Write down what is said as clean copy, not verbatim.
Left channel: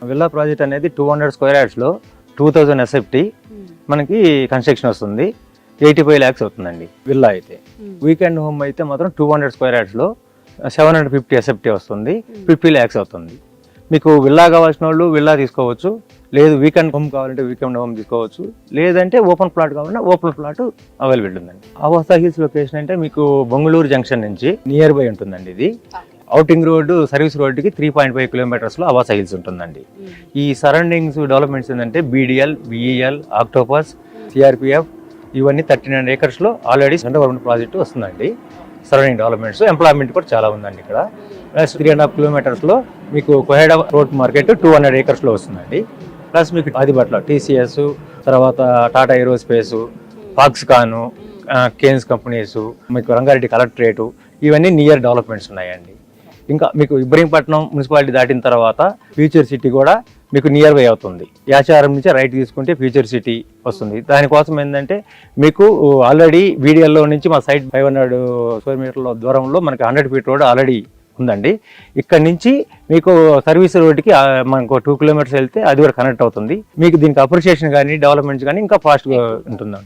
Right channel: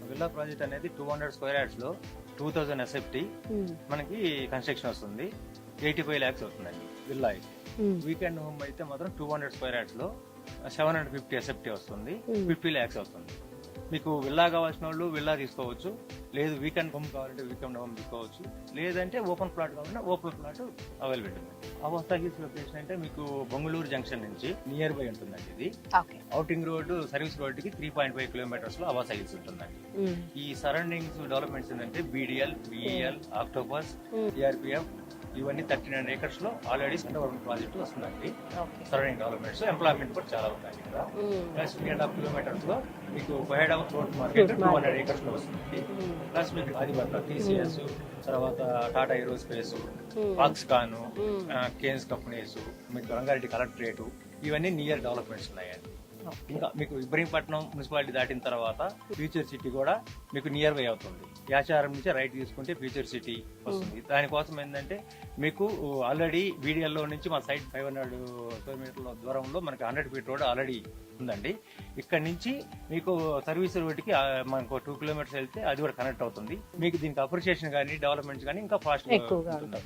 Villa project అనేది 200 square యార్డ్స్లో 2000 SFT మనకి construction వస్తుంది. 85 lakhs అవుతుందండి విల్లా అయితే. వీకెండ్ హోమ్ అయితే మాత్రం 200 స్క్వేర్ యార్డ్స్లో 750 ఎస్ఎఫ్టీ వస్తుంది, 50 lakhs అవుతుంది. మీకు విల్లా కావాల్సిన వాళ్ళు విల్లా తీసుకోవచ్చు, లేదు వీకెండ్ హోమ్ కావాలంటే వీకెండ్ హోమ్ తీసుకోవచ్చు, లేదంటే ఓపెన్ ప్లాట్ కావాలంటే ఓపెన్ ప్లాట్ అవైలబుల్ ఉందండి. ఆవాస హిల్స్ లొకేషన్ అంటే మీకు బొంగళూరు జంక్షన్ నుంచి నియర్ బై ఉంటుందండి. ఇది అవుటింగ్ రోడ్డు సర్వీస్ రోడ్డుకి 3.5 కిలోమీటర్స్లో ఆవాస హిల్స్ ఉంటుందండి. ఈ సరౌండింగ్స్ డెవలప్మెంట్స్ ఏంటంటే బీడిఎల్, విఈఎల్, ఆక్టోపస్, సిఆర్పిఎఫ్ ఇవన్నీ 39 acresలో ఆల్రెడీ సెంట్రల్ గవర్నమెంట్ ప్రాజెక్టు వస్తుందండి. సరౌండింగ్ డెవలప్మెంట్స్, ఎంప్లాయ్మెంట్ కూడా చాలా ఉందండి ఇక్కడ. ప్లస్ 3.5 kilometers మీకు కోహెడా రోడ్ మార్కెట్ 200 acresలో వస్తుందండి. ప్లస్ మీకు ఆదిబట్ల టీసీఎస్, తర్వాత Tata aerospace, Foxconn, Kaynes companies, మీకు రంగారెడ్డి కలెక్టరేటు ఇవన్నీ నియర్ డెవలప్మెంట్స్ ఉన్నాయండి. ఇంకా మీకు ఇబ్రహీంపట్నం మున్సిపాలిటీ దాటిన తర్వాత ఫ్యూచర్ సిటీ కూడా మీకు నియర్ బై అవుతుంది. యాచారం నుంచి రైట్ తీసుకుంటే ఫ్యూచర్ సిటీ వస్తుంది. దానికోసం ఏంటంటే మీకు ఆల్రెడీ వీడియోలో నుంచి మా సైట్ 500 స్క్వేర్ మీటర్ల దూరంలో మనకి 100 feet రోడ్ ఆల్రెడీ ఉందండి. ఇక్కడ నుంచి మీకు సర్వీస్ రోడ్డుకి మనకు 2 kilometers వెళ్తే అది కూడా కనెక్ట్ అవుతుంది. మీకు దీనికి అప్రిషియేషన్ కానీ డెవలప్మెంట్స్ కానీ ఇంకా ఫాస్ట్గా ఉంటుంది.